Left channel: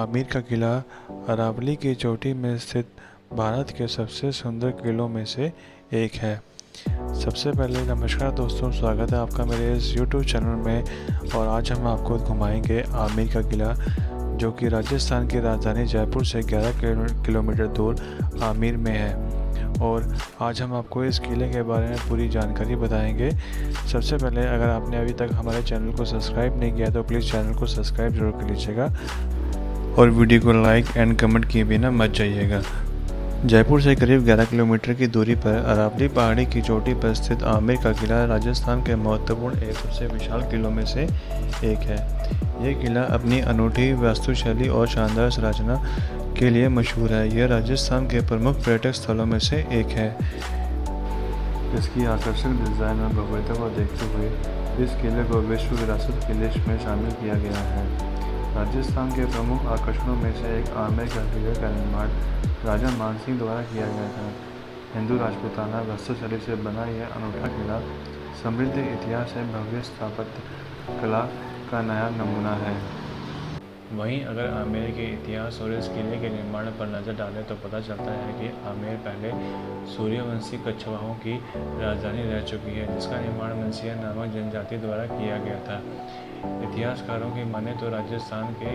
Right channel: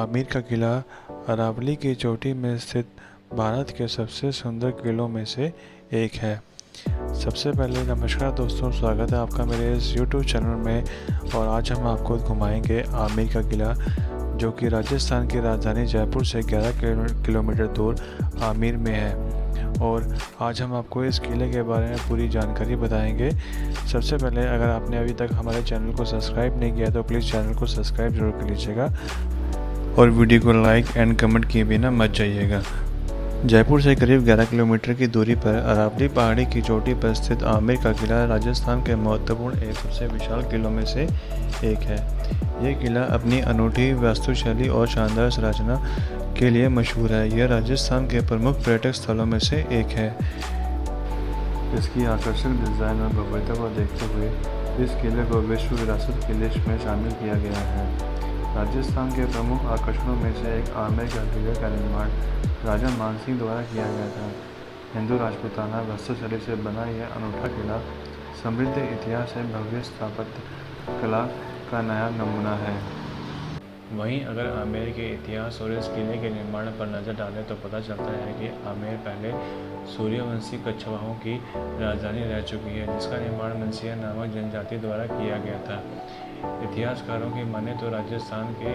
आमेर का किला अरावली की चोटी में स्थित भारत के सबसे सुंदर किलों में से एक है। सबसे पहले नमस्कार दोस्तों, स्वागत है आपका मेरे इस YouTube चैनल में। और आज हम आपको घुमाएंगे आमेर का किला, जो कि राजस्थान की राजधानी जयपुर से 11 किलोमीटर दूर आमेर में है। और आज हम आपको इस किले के बारे में पूरी जानकारी बताएंगे। सबसे पहले, अगर आपने अभी तक हमारे चैनल को सब्सक्राइब नहीं किया तो प्लीज़ चैनल को सब्सक्राइब जरूर कर लीजिएगा और वीडियो को लाइक एंड कमेंट किए बिना मत जाइएगा। जयपुर से करीब 11 किलोमीटर की दूरी पर अरावली पहाड़ी की चोटी पर स्थित आमेर का किला राजस्थान के महत्वपूर्ण एक सबसे विशाल किलों में से एक है। यह किला अपनी अनूठी वास्तुशैली और शानदार संरचना के लिए मशहूर है। यह राजस्थान के प्रमुख पर्यटक स्थलों में से एक है। इसकी आकर्षक डिज़ाइन और भव्यता को देखते हुए इस किले को विश्व विरासत की लिस्ट में शामिल किया गया है। राजस्थान के प्रमुख आकर्षणों में से एक आमेर का किले का निर्माण राजा मानसिंह द्वारा किया गया था। हिंदू राजपूताना वास्तुशैली से बना यह अनूठा किला समृद्ध इतिहास है, भव्य स्थापत्य कला का नया नमूना है। वहीं अगर आमेर के इतिहास और इस किले के निर्माण पर नज़र डालें तो पता चलता है कि आमेर पहले सूर्यवंशी कछवाहों की राजधानी रह चुकी है, जिसका निर्माण मनसिया नामक जनजाति द्वारा किया गया था। इतिहासकारों की माने तो राजस्थान के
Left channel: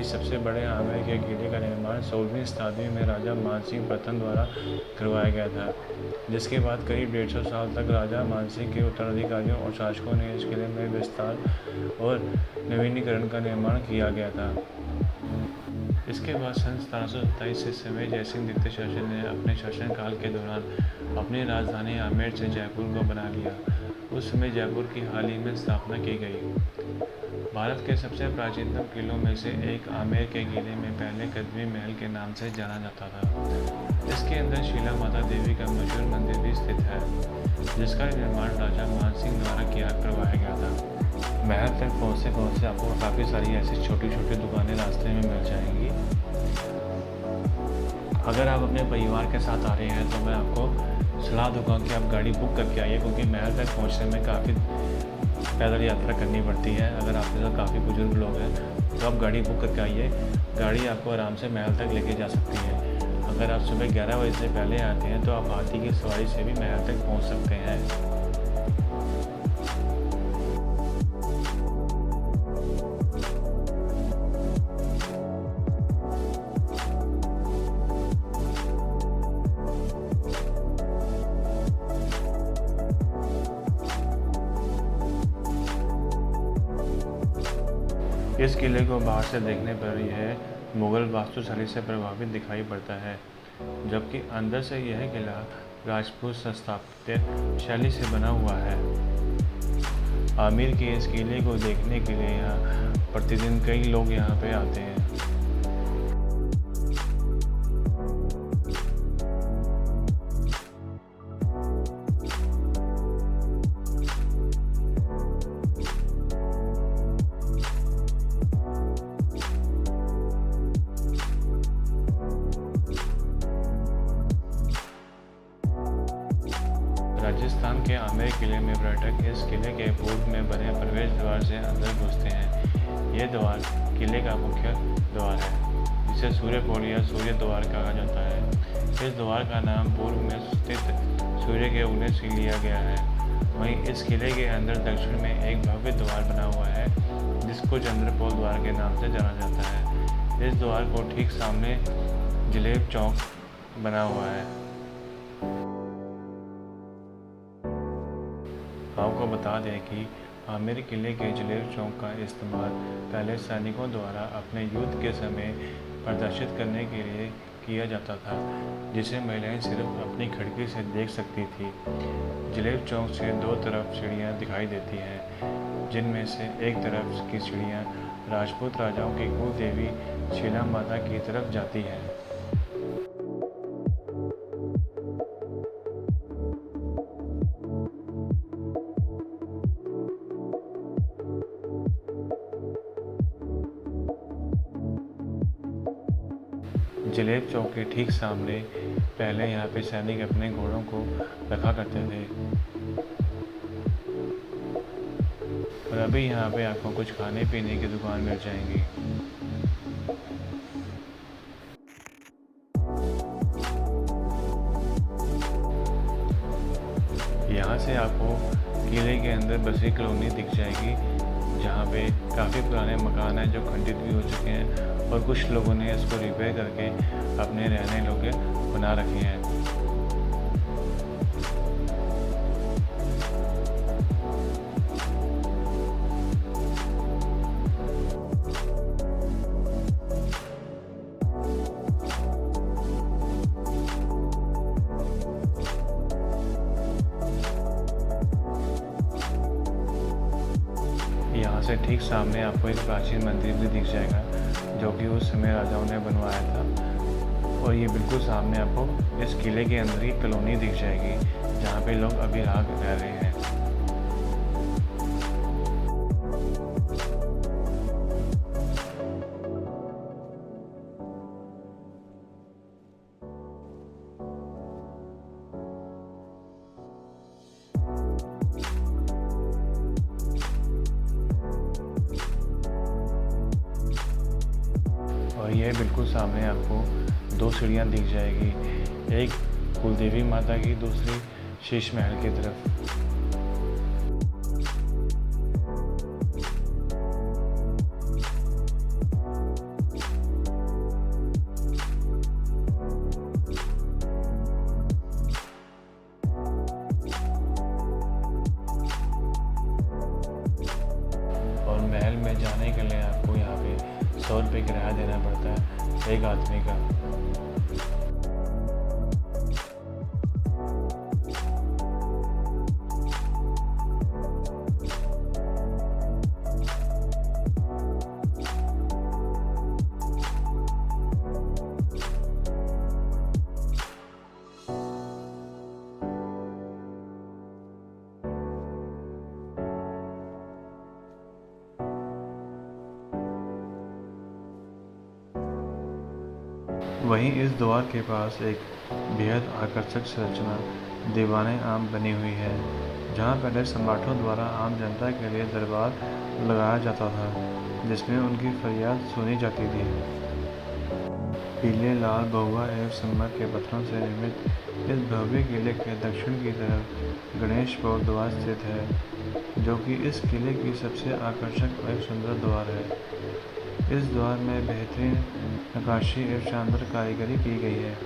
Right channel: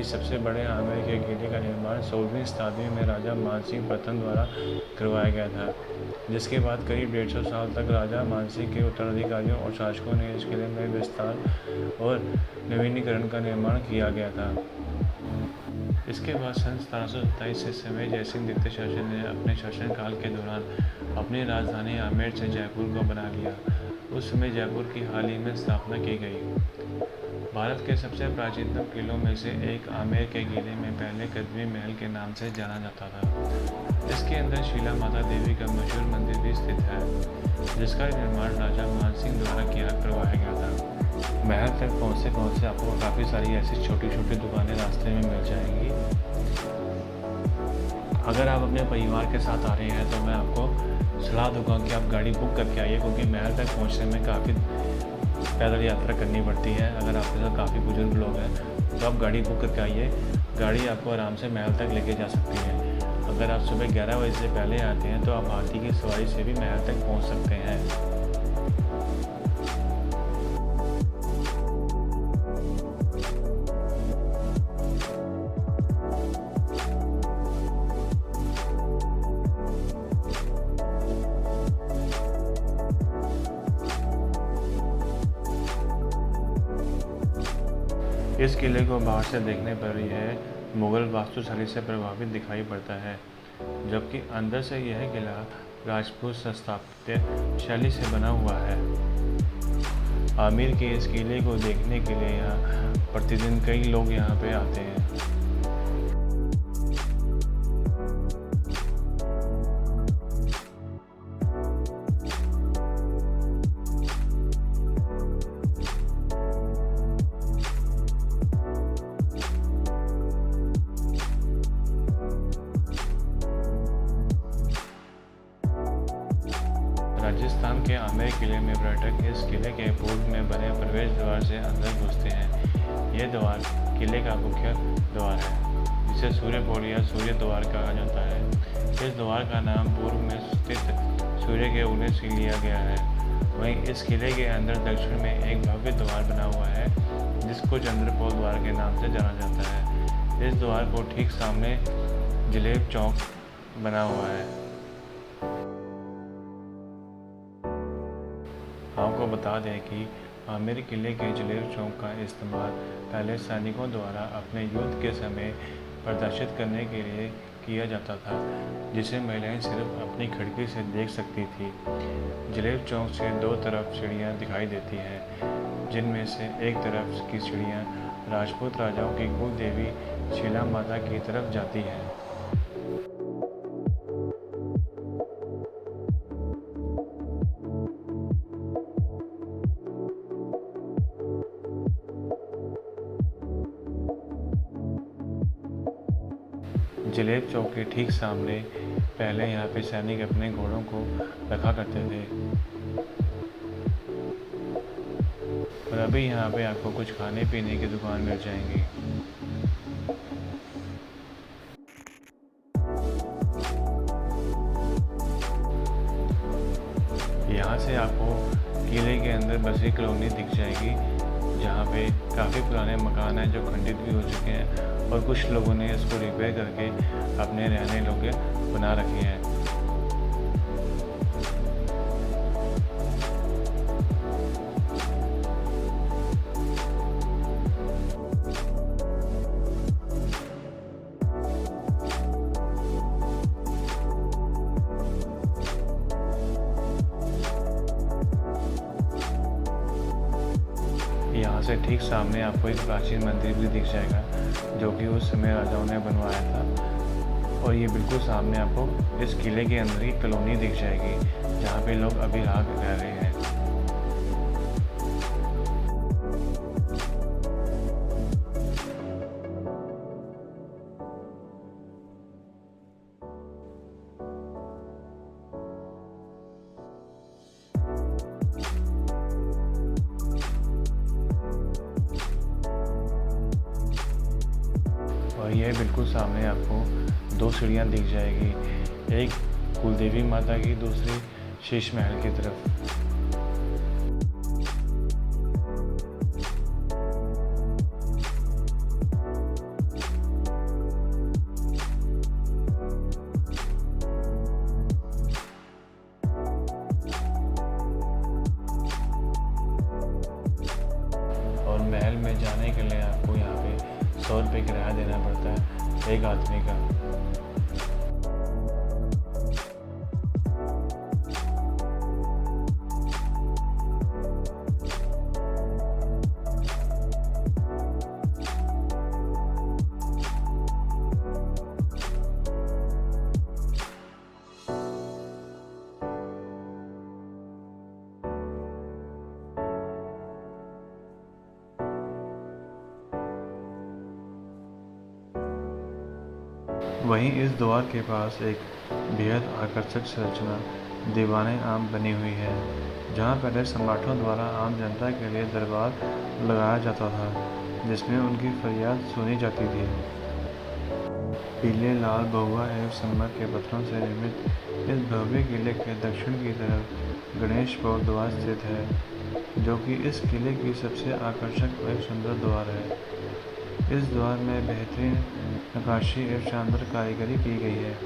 इस सबसे बड़े आमेर के किले का निर्माण 16वीं शताब्दी में राजा मानसिंह प्रथम द्वारा करवाया गया था, जिसके बाद करीब 150 साल तक राजा मानसिंह के उत्तराधिकारियों और शासकों ने इस किले में विस्तार और नवीनीकरण का निर्माण किया गया था। इसके बाद सन 1727 से समय जयसिंह द्वितीय शासन ने अपने शासनकाल के दौरान अपनी राजधानी आमेर से जयपुर को बना लिया। उस समय जयपुर की हाल ही में स्थापना की गई। भारत के सबसे प्राचीनतम किलों में से एक आमेर के किले में पहले कदमी महल के नाम से जाना जाता था। इसके अंदर शीला माता देवी का मशहूर मंदिर भी स्थित है, जिसका निर्माण राजा मानसिंह द्वारा करवाया गया था। महल तक पहुँचते आपको काफ़ी सारी ऐसी छोटी छोटी दुकानें रास्ते में मिल जाएंगी। अगर आप अपने परिवार के साथ आ रहे हैं तो मैं आपको सलाह दूंगा कि आप गाड़ी बुक करके आइए, क्योंकि महल तक पहुँचने में काफ़ी पैदल यात्रा करनी पड़ती है। अगर आपके साथ काफ़ी बुजुर्ग लोग हैं तो आप गाड़ी बुक करके आइए। गाड़ी आपको आराम से महल तक लेके जा सकती है। अगर आप सुबह 11 बजे से पहले आते हैं तो आप हाथी की सवारी से भी महल तक पहुंच सकते हैं। इस किले को बाहर से देखने पर यह मुग़ल वास्तुशैली से प्रभावित दिखाई पड़ता है, जबकि अंदर से यह किला राजपूत स्थापत्य शैली से बना हुआ है। आमेर के इस किले को देखने के लिए यहाँ प्रतिदिन कई लोग यहाँ पे आते हैं। राजस्थान के आमेर किले में पर्यटक इस किले के पूर्व में बने प्रवेश द्वार से अंदर घुसते हैं। यह द्वार किले का मुख्य द्वार है, जिसे सूर्य पोल या सूर्य द्वार कहा जाता है। इस द्वार का नाम पूर्व में स्थित सूर्य के उदय से लिया गया है। वहीं इस किले के अंदर दक्षिण में एक भव्य द्वार बना हुआ है, जिसको चंद्रपोल द्वार के नाम से जाना जाता है। इस द्वार को ठीक सामने जलेब चौक बना हुआ है। आपको बता दें कि आमेर किले के जलेब चौक का इस्तेमाल पहले सैनिकों द्वारा अपने युद्ध के समय प्रदर्शित करने के लिए किया जाता था, जिसे महिलाएं सिर्फ अपनी खिड़की से देख सकती थी। जलेब चौक से दो तरफ सीढ़ियां दिखाई देती हैं, जिनमें से एक तरफ की सीढ़ियां राजपूत राजाओं की कुल देवी शीला माता की तरफ जाती हैं। जलेब चौक के ठीक सामने पहले यहाँ पे सैनिक अपने घोड़ों को रखा करते थे, और अभी यहाँ पे आपको कुछ खाने पीने की दुकान मिल जाएंगी। से आपको किले के अंदर बसी कॉलोनी दिख जाएगी, जहाँ पे काफ़ी पुराने मकान हैं जो खंडित भी हो चुके हैं और कुछ लोगों ने इसको रिपेयर करके अपने रहने योग्य बना रखे हैं। यहाँ से ठीक सामने आपको एक प्राचीन मंदिर भी दिख जाएगा, जो कि उस समय राजाओं ने बनवाया था। और ये बिल्कुल सामने आपको इस किले के अंदर की कॉलोनी दिख जाएगी, जहाँ पे लोग अभी रह रहे हैं। और यह बिल्कुल सामने आपको 2 सीढ़ियाँ दिख जाएगी, एक कुलदेवी माता की, दूसरी शीश महल की तरफ। और महल में जाने के लिए आपको यहाँ पे 100 रुपये किराया देना पड़ता है एक आदमी का। वहीं इस द्वार के पास एक बेहद आकर्षक संरचना दीवाने आम बनी हुई है, जहां पहले सम्राटों द्वारा आम जनता के लिए दरबार लगाया जाता था, जिसमें उनकी फरियाद सुनी जाती थी। पीले, लाल, भगवा एवं संगमरमर के पत्थरों से निर्मित इस भव्य किले के दक्षिण की तरफ गणेश पौर द्वार स्थित है, जो कि इस किले की सबसे आकर्षक और सुंदर द्वार है। इस द्वार में बेहतरीन नक्काशी एवं शानदार कारीगरी की गई है।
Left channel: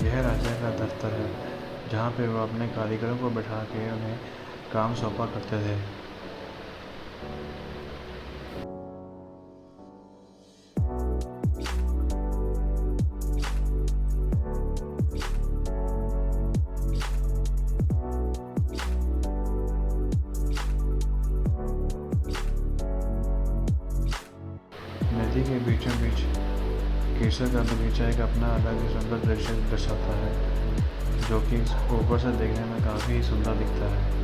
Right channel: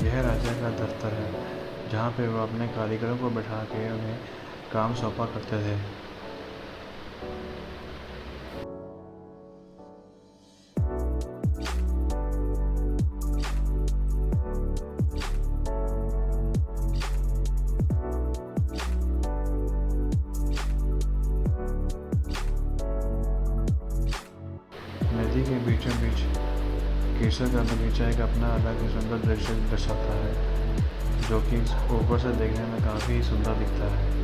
यह राजा का दफ्तर है, जहाँ पे वो अपने कारीगरों को बैठा के उन्हें काम सौंपा करते थे। नदी के बीचों बीच केसर का बगीचा एक अपना अलग ही सुंदर दृश्य दर्शाता है, जो कि ऊपर से देखने में काफ़ी सुंदर दिखता है।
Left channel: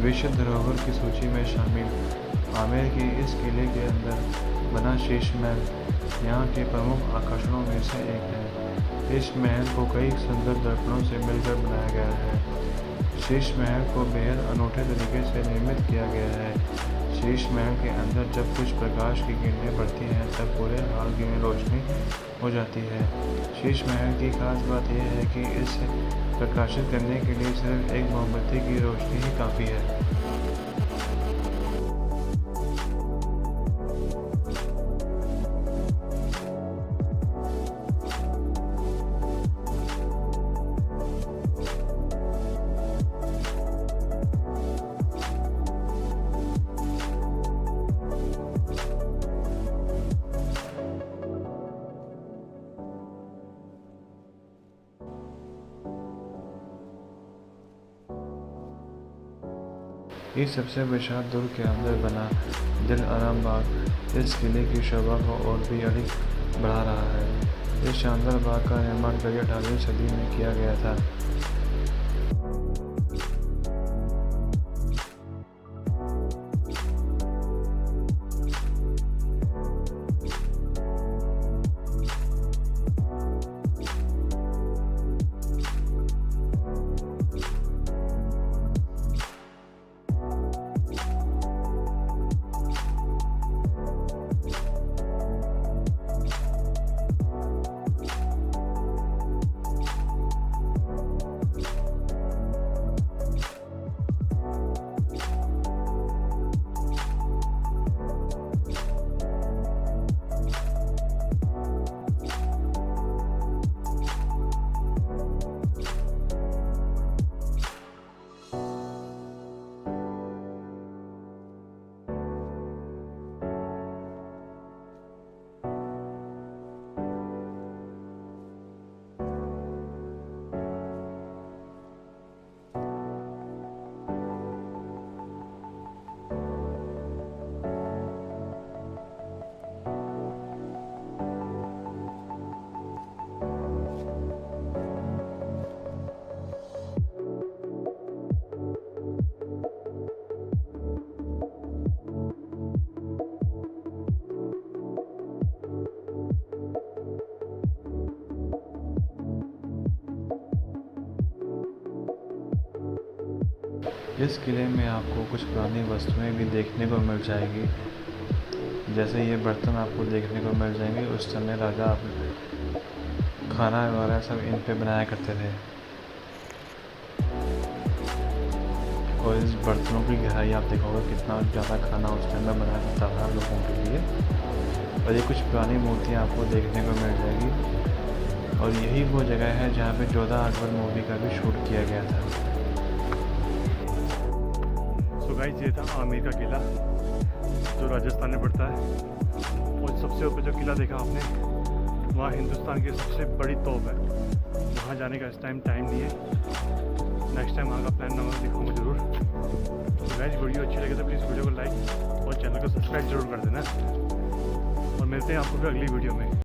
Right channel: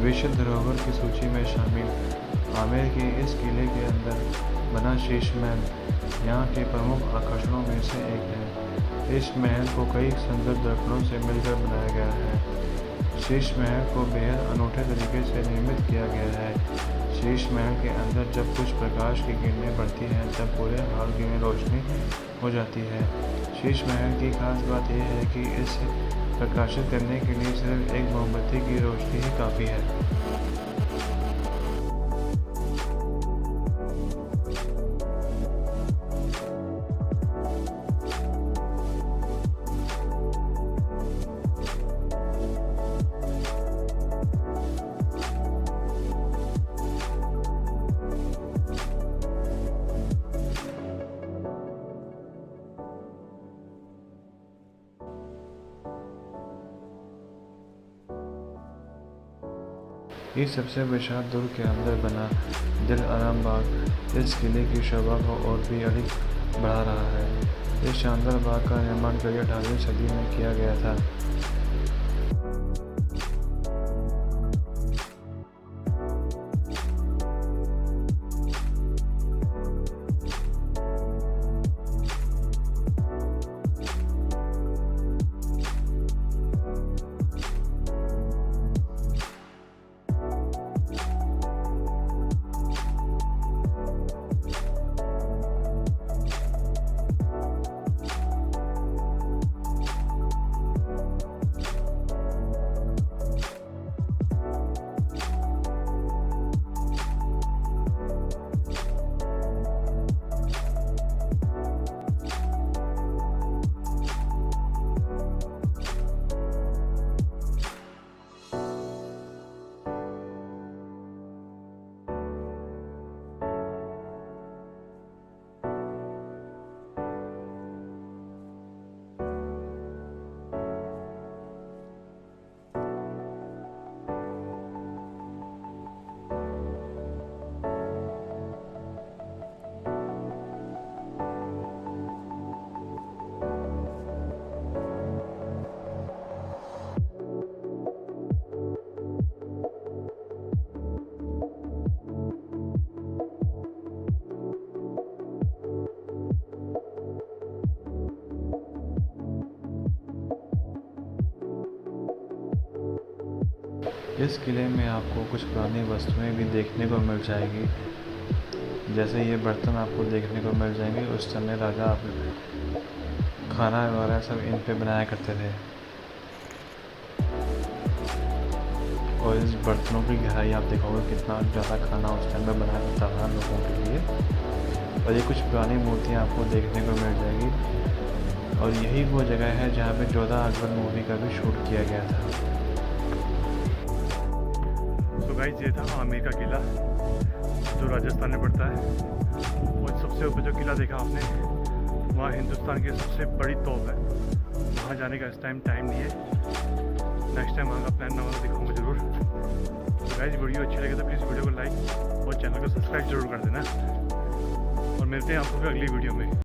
विश्व धरोहर की सूची में शामिल आमेर के इस किले के अंदर बना शीश महल यहाँ के प्रमुख आकर्षणों में से एक है। इस महल को कई सुंदर दर्पणों से मिलकर बनाया गया है। शीश महल को बेहद अनूठे तरीके से निर्मित किया गया है। शीश महल के अंदर जब कुछ प्रकाश की किरणें पड़ती हैं तब पूरे हॉल में रोशनी हो जाती है। शीश महल की खास बात यह है कि इसे प्रकाशित करने के लिए सिर्फ एक मोमबत्ती की रोशनी ही काफ़ी है। इस सबसे विशाल दुर्ग के अंदर बना दिल आराम बाग इस किले की शोभा को और भी अधिक बढ़ा रहा है। इस शानदार बाग का निर्माण करीब 18वीं सदी में किया गया था। इस किले में आपको कुछ पुरानी वस्तुएं भी देखने को मिल जाएगी। जैसे ये बर्तन आपको देखने को मिल जाएंगे। उस समय राजा खाना वगैरह सब इन पे बनाया करते थे। और इस बर्तनों की गहराई आप देखोगे कितना ज़्यादा खाना उस टाइम में बनाया करता था लोगों के लिए। और ये कुछ पुरानी मूर्तियाँ आपको देखने को मिल जाएगी। और यही वो जगह है जहाँ पे जोधा अकबर मूवी का भी शूट किया गया था। तो गाइस ये था आमेर का किला जो राजस्थान में पड़ता है। और सबसे ऊपर जो किला देखा आपने वहाँ हिंदुस्तान की सबसे बड़ी तोप है। वहाँ जाने का इस टाइम नहीं है। नेक्स्ट टाइम वहाँ का प्लान ना होगा दिखाऊंगा ज़रूर। तो गाइस वीडियो अच्छी लगे तो प्लीज़ वीडियो को लाइक और चैनल को सब्सक्राइब जरूर कर देना। और मिलते हैं आपको फिर अगली वीडियो में।